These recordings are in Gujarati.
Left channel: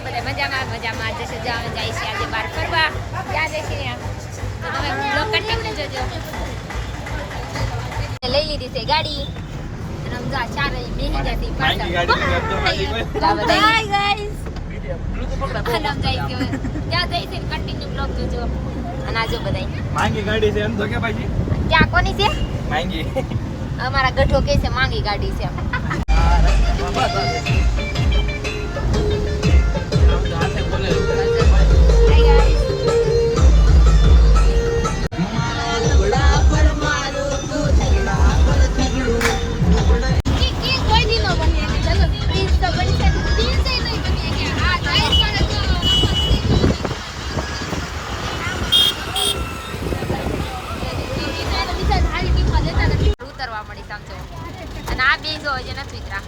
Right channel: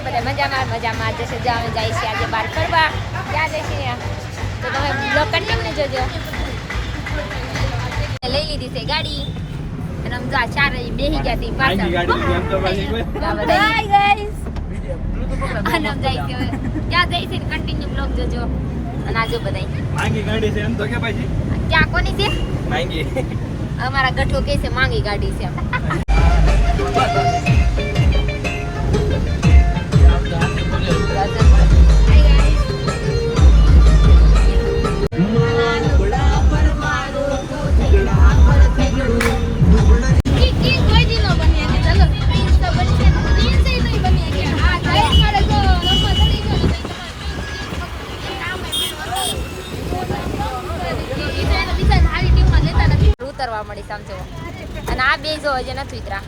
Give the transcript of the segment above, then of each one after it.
છો બધા મજામાં મજામાં જશે છે. અમે જાય છે આજે બહાર ફરવા. ક્યાં જઈશું ત્યાં તો તમે બ્લોક કન્ટિન્યુ જોજો. લઈ લીધી છે ગાડી. રમજા ચાર બેહી ગયા હતી અમારા ગાડી કે છે? માંગી. ગાડી હાય ઉતરવા મળી અને આ બે જો હજી નથી ઉતરા.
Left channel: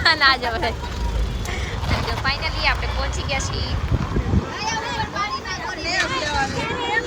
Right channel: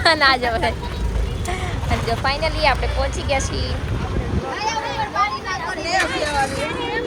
અને જો અને જો ફાઇનલી આપણે પહોંચી ગયા છીએ.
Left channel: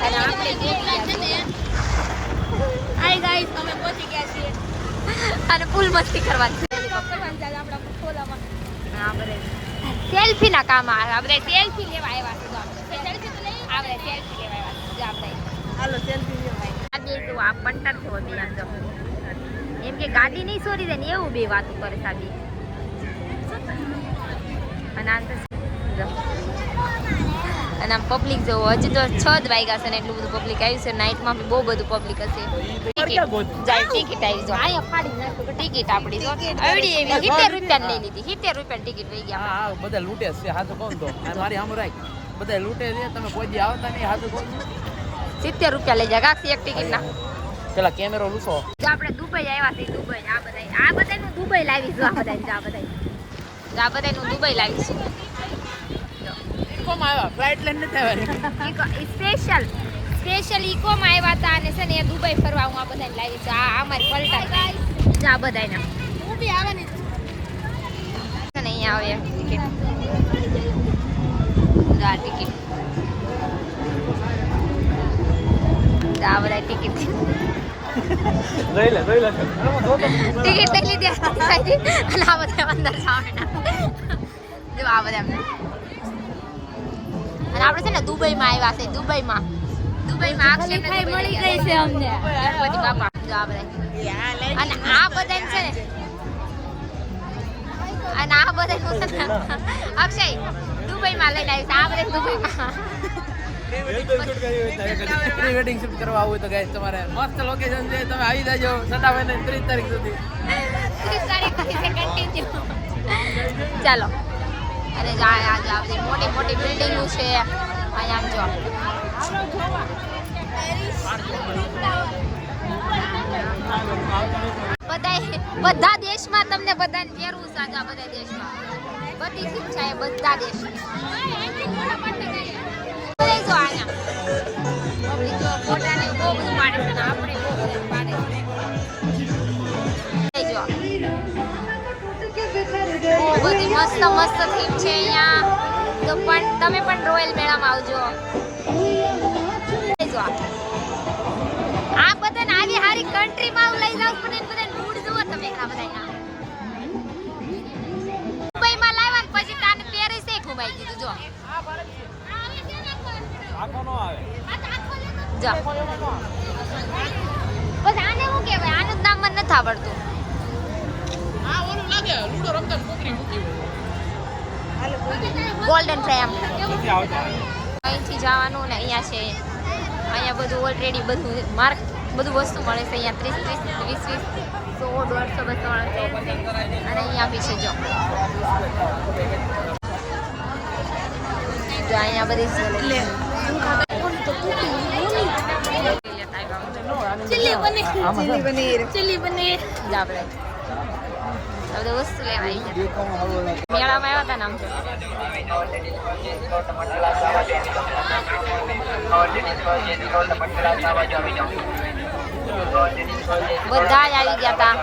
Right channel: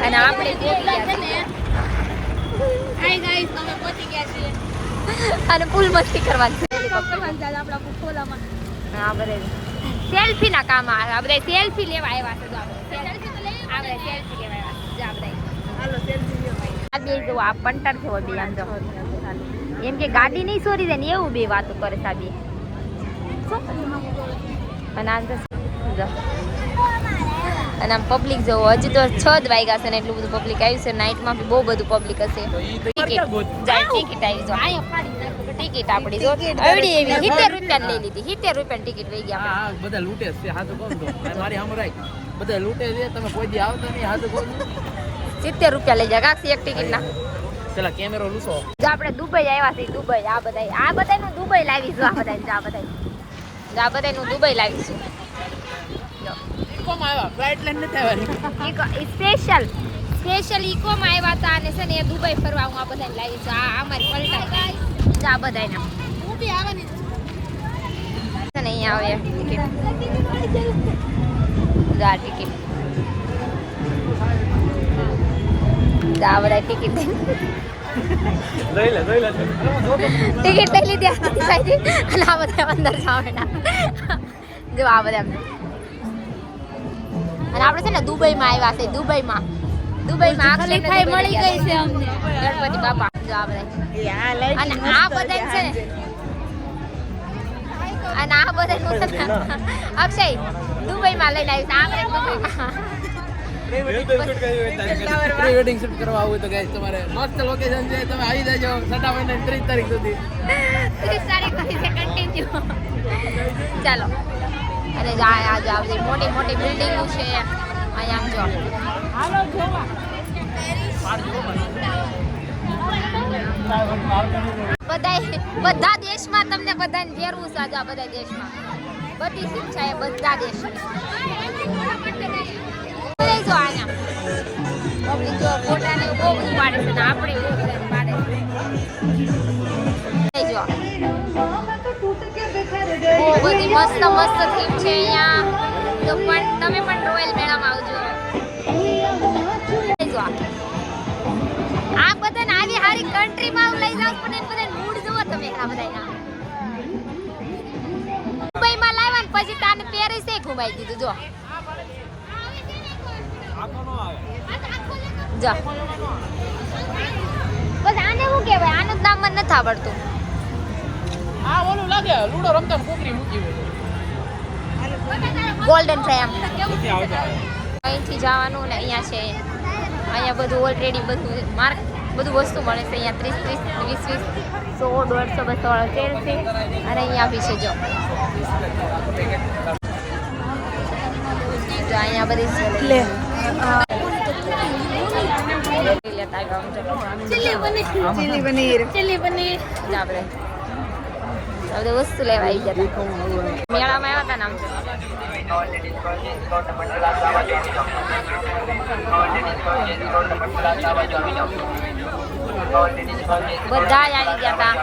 અને આપણે ગયા છીએ. અને ફૂલ મસ્તી કરવાની છે. હા બધે. સેલ્ફી ના કામ આવે સેલ્ફી લેવા આવ્યા છે આપણે. આપણે સેલ્ફી લેવા આવ્યા આ બે જો, આ પંટર છે બે આમ જો. એમ કે ગાડી નહીં સોરી દે ને એવું બે વાતો કરે આ બે. અને આમ તો અને આમ પબ્લિક જો, હજી તો છ જ વાગ્યા છે ને એટલું બધું પબ્લિક આવ્યું છે. નાઇટમાં બી બહુ બધું પબ્લિક હશે. ટિકિટ આવી જો ટિકિટ આપણી જો. આવડી એવી. સિત્તેર રૂપિયા લઈ લીધી. સિત્તેર રૂપિયા ટિકિટ લઈ ગયા બધા લૂંટે છે. હાથું કોણ તો. બધા લૂંટે છે. તમે કોઈ દી આવતા નહીં હાથું કોણ સિત્તેર રૂપિયા લઈ ગયા. કાકસી એક ટિકિટ ના. પેલા કેમેરો લૂસો. જો આપણે દુબઈ આવ્યા છીએ દુબઈ. આ બધા આ બધાનું દુબઈ લાવીશું આ બધા આ બધા આ બધાનું દુબઈ લાવીશું. કોમ આવ્યા ફ્લાઇટ લઈને નથી આવ્યા સ્પેશિયલ સ્પેશિયલ ઇકોમાં આવ્યા હતા અને છે ને એ દુબઈ ફરવા હું આ બધાને લાવીશું આ આ મારી પલટા જા આ બધાના હું બી આવવાની છે. ને અહીંયા આવે ટિકિટ જા ટિકિટ જા ટિકિટ ટિકિટ લઈ લીધી અને આ બધા અંદર જવાના જો આ બધા એમને. અને આપણે છે ને દુબઈમાં આવ્યા છે દુબઈમાં. દુબઈમાં અક્ષય મળી ગઈ છે અમને. ગણપતિ બાપા. જો આ અને આ બધા છે ને અને આ બધા નું અક્ષય દુબઈમાં લઈને આવ્યું છે આ બધા દુબઈમાં. પ્રી વેડિંગ શૂટ કરવા આવું તો ગાઈસ તમારે મસ્ત લોકેશન છે. તમે આવી જજો સટા મહિના ત્રીસ તારીખ સુધી. ત્રીસ તારીખ સુધી કન્ટિન્યુ ચાલો. અને જો આ આ બધી મોટી મોટી બિલ્ડિંગો છે. અહીંયા આમ જો. બધાય બધા દેશમાં તમને બધાને ફેરવું છે આજે બધા દેશમાં. બધી શિક્ષા એ બધા બધા જો. અહીંયા પબ્લિક છે અહીંયા. તો પણ તમે પણ રોયલ મેળામાં આવજો. જો. આ. બધાને આવી હારી કન્ટ્રીમાં લઈ જાવ મૂડ તમે આ બધાના. મુંબઈમાં લાવ્યા ને પછી તાને પેરિસે ઘુમાઈ દીધું, જો. જો. બસ આને શું કહેવાય? આનું નામ મને નથી આવડતું. આ ઓલું લાગે લૂડો રમતા કુકરી મૂકી ગોલ્ડન ફ્રેમ અહીંથી જવાનું ને અહીંયા છે. અહીંયા બધું ઓલરેડી બધું માર્ક બધું વસ્તુ મળે છે. અહીંયા ત્રીસ ત્રીસ વીસ વીસ સો દોઢસો બસો વાળો તેલ છે અને અહીંયા બી છે જો. જો અહીંયા બધી જ્વેલરી આપણે વસ્તુ લેવા આવી ગયા મેળામાં આવ્યા હતા ને આમ બધા આવી ગયા હતા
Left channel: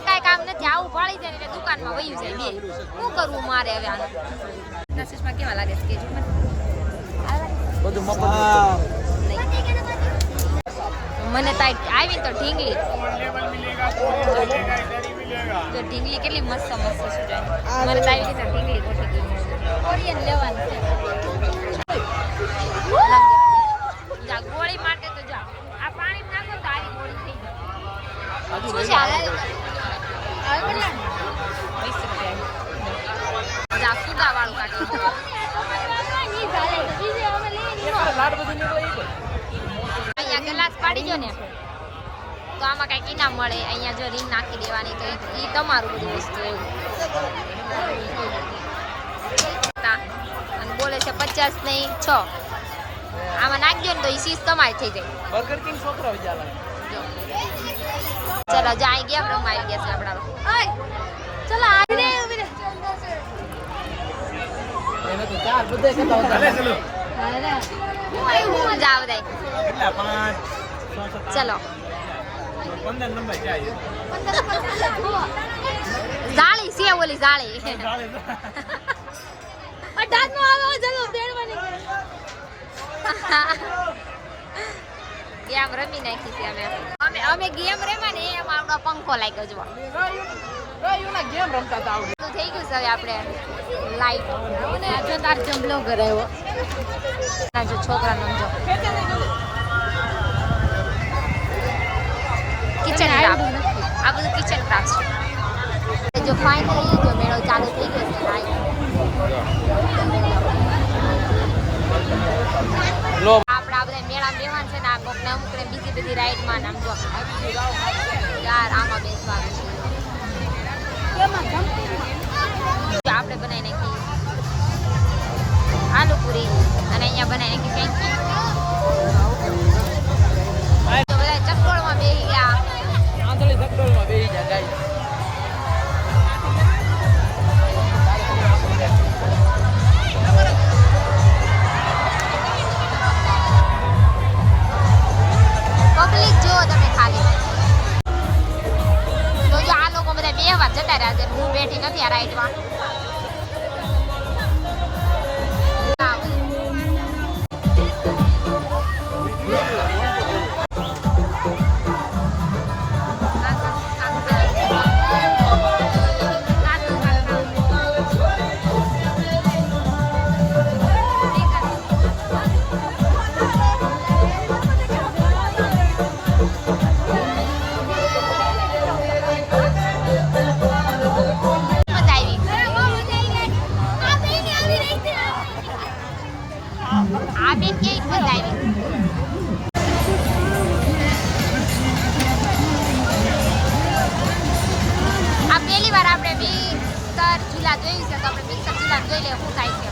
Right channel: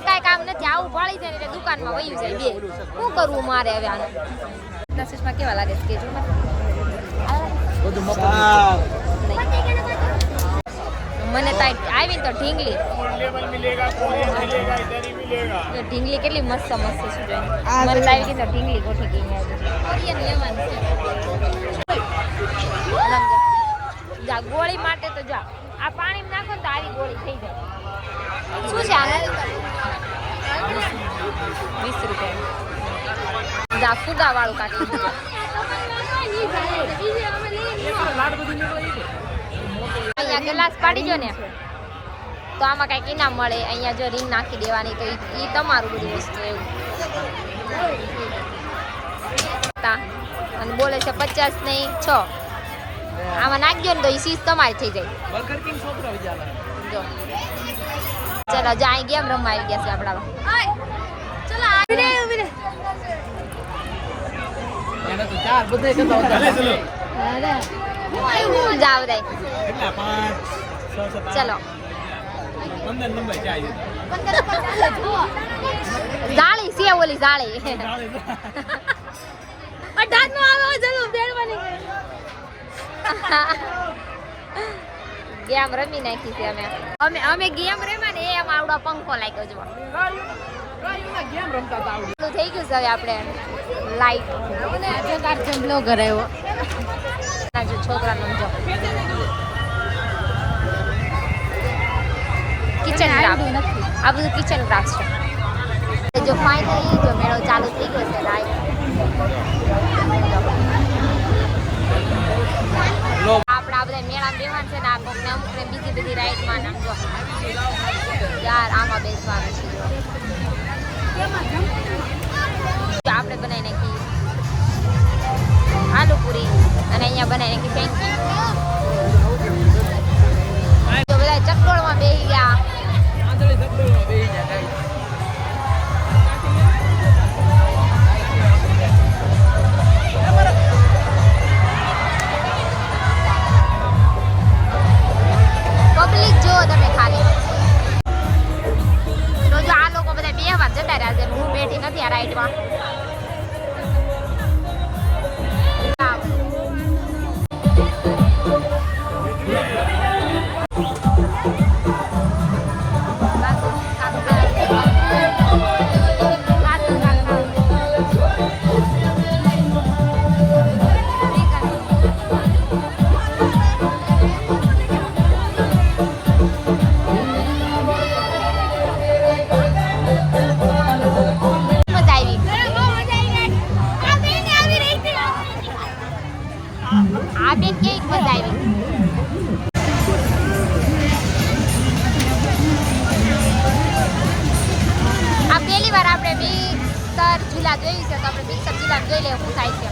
કઈ કામ નથી આવું ફાળી જાય દુકાનમાં વયું જાય બે શું કરવું મારે હવે આનું નસીસમાં કેવા લાગે છે? કેજો મને. આવી તો ઢીંગલી. ઢીંગલી કેટલી મસ્ત મસ્ત છે મને તો આવી તો ઢીંગલી ગોઠવી ગઈ જા ગોળી માટે તો જા. આ પાણી નાખો તો આવી ગોળી થઈ જાય. શું છે આનું? વીસ રૂપિયા. જા ફુગા વાળું કાઢી અહીંયા ગ્લાસ પાડી જો ને. તો આમાં કંઈક ઇનામ મળે. અહીંયા જો રીંગ નાખી દેવાની, તો એ તમારું બધું વસ્તુ એવું. અને બોલે છે પચાસ નહીં, છ. આમાં નાખજો ને તો એ સીસ તમારી થઈ જાય. જો. ચલો જાય ગેમ રમવા આવી ગયા છે આપણા તો ચાર બધે કરતા ભલે જાવ દે. ચલો. જાળી છે ઓલી જાળી. ગેમ રમી નાખી છે અમે. અમે અમે ગેમ રમ્યા ને એમ આવડો પંખો લાગ્યો જો થઈ ગયું છે હવે આપણે લાઈટ જો તાર જમલો ઘરે. ના જો છોકરા સમજો. કિચન ક્રાફ્ટ આ બધું કિચન ક્રાફ્ટ છે. જો ફાઇનલી જો મેળો ચાલુ થઈ ગયો છે લાઈટ આપણે આપણે મેળામાં બેવાનું છે ને આ કોકને અમુક ને બીજી બધી રાઈડમાં ને આમ જો. યાર આમાં બેસવાનું છે જો. આપણે બનાવી નાખી આલુ પૂરી અને અહીંયા બનાવી નાખી છે તો બધા ચક્કરમાં બેસી ગયા. પબ્લિક જુઓ તમે ખાલી. બેઠી નથી આ રાઈડમાં જિલ્લા જોઈ છે તો આપણે મિક્સર જિલ્લા જોઈ લઈએ શું થાય છે?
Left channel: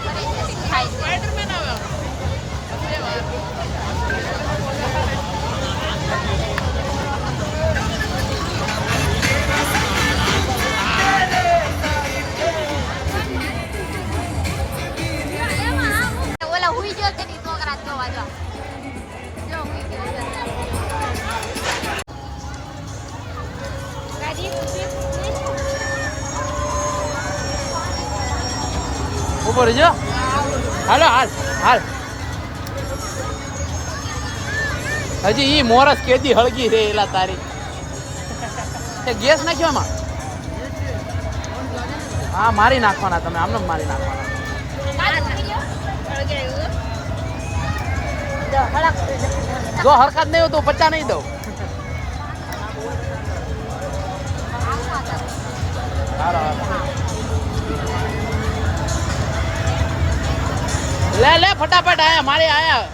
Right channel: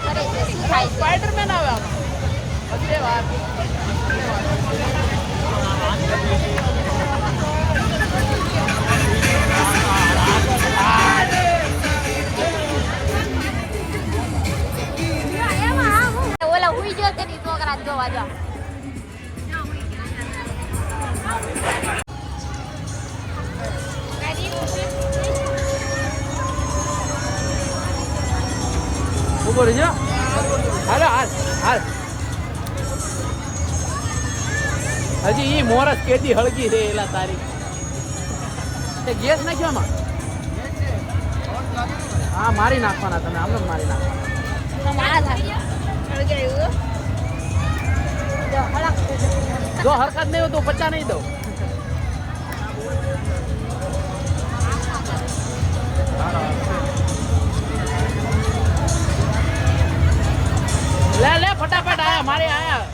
કરે છે, શું થાય છે? ઓલા હુઈ ગયો છે ને, ઈ છોકરા જોવા જાઓ ઊભો રહેજો હાલો, હાલ હાલ. હજી ઈ મોરસ કેદી હળગી રે એલા તારી. તે ગેસ નાખ્યો એમાં હા, મારી નાખવાના તમે આમને મારી નાખવાના. જો હરકત નહીં તો પચા નહીં દઉં. આયા મારે આયા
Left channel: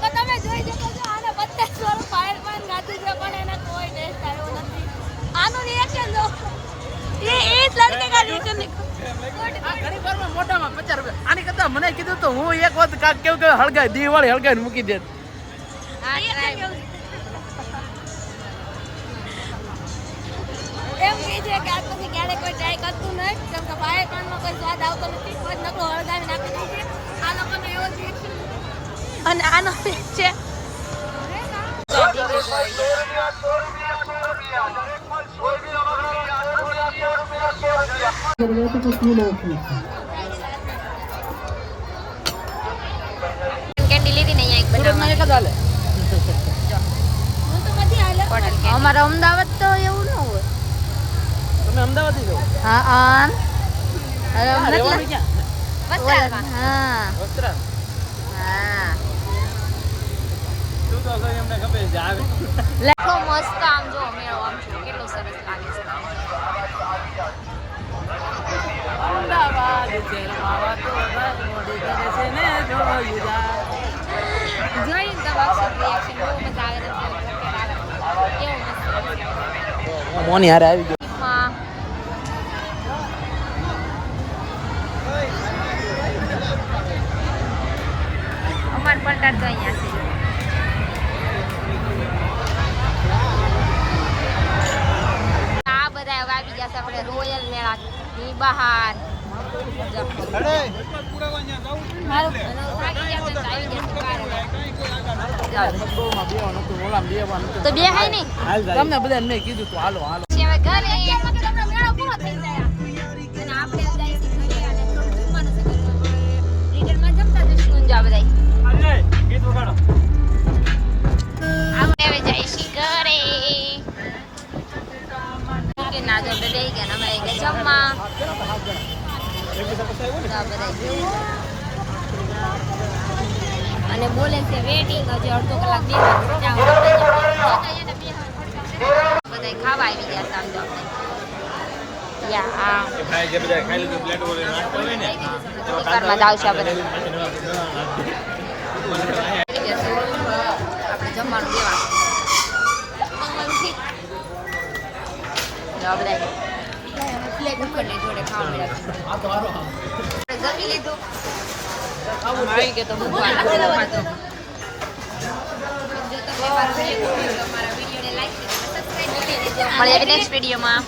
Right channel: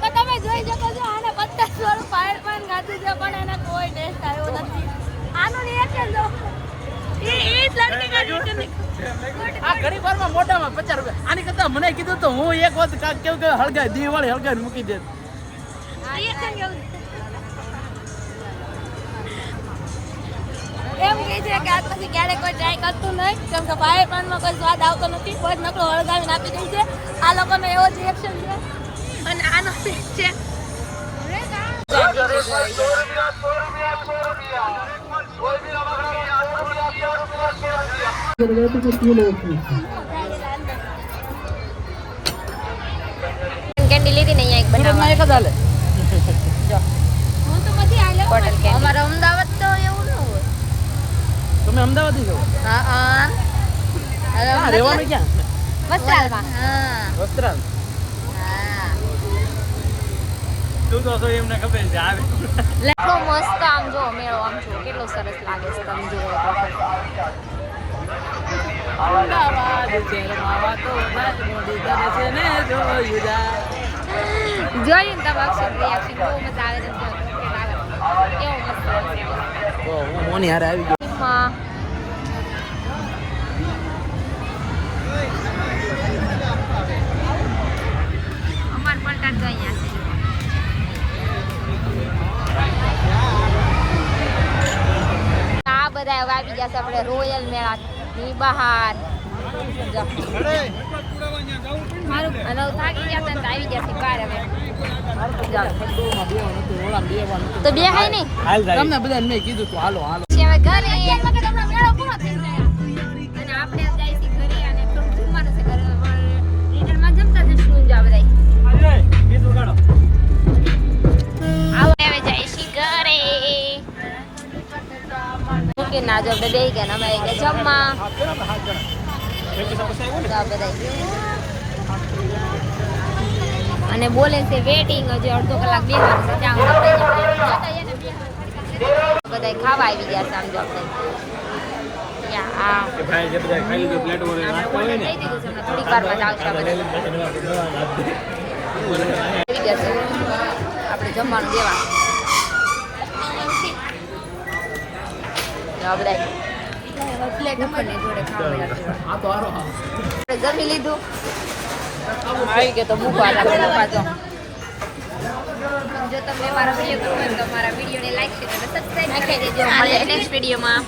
તો તમે જોઈ શકો છો આને પચાસ વાળું ફાયર પાન ખાધું છે પણ એને કોઈ ટેસ્ટ આવ્યો નથી. આનું રિએક્શન જો. એ એ લડકે કા રિએક્શન આ ઘણી વારમાં મોઢામાં પચાસ રૂપિયા. આની કરતા મને કીધું તો હું એક વખત કેવું કે હળગાય દિવાળી હળગાઈને મૂકી દે. રિએક્શન કેવું એમ કહે છે કે આજમાંથી ક્યારે કોઈ ટ્રાય કરતું નહીં કેમ કે ભાઈ પાનમાં કોઈ સ્વાદ આવતો નથી કોઈ જ નકળો હળગાવીને આપી દે છે. આ લોકોનો એવો જ રિએક્શન છે. અને આનો છે. કેન્ડી લીધી ને અહીંયા એક અમદાવાદ તો એમને ખબર છે આવે કેટલો મસ્ત આમ જો મેળો આમ જો કેટલો સરસ લાગે છે તમે જો. અમદાવાદ જેલમાં કરે છે ને જોયું જાય. જોયું તમે અક્ષર રિએક્શન બહુ મજા આવે છે કેવો મસ્ત મોની હારે આવી ગયો. માં અમાર તો અહીંયા છે આ બધા હવે આવી ગયા છે આપણે રોયલ મેળા ની બહાર. તો બે હાય ને તમને બધાને મેં કીધું તું હાલો હાલો. ઘરે એમાં કે તમારો મેળો પૂરો થઈ જાય અને આપણે જાય ઘરે અને થોડું જમવાનું છે ઘરે રિટર્નમાં જમતા જશું બધા ના જો બધા દઈ ગયા અમે ગયા જમવા અને બોલે છે વેટિંગ હજી અડધો કલાક બેસવાનું છે ત્યાં બધા ખાવા આવી ગયા છે આમ જો આપણે થોડીક વારમાં જ આવશે ગયા છે આપણે જમવાનું દેવા આપણે જમી લીધું. આપણે મૂકવા જો નેક્સ્ટ વિડીયોમાં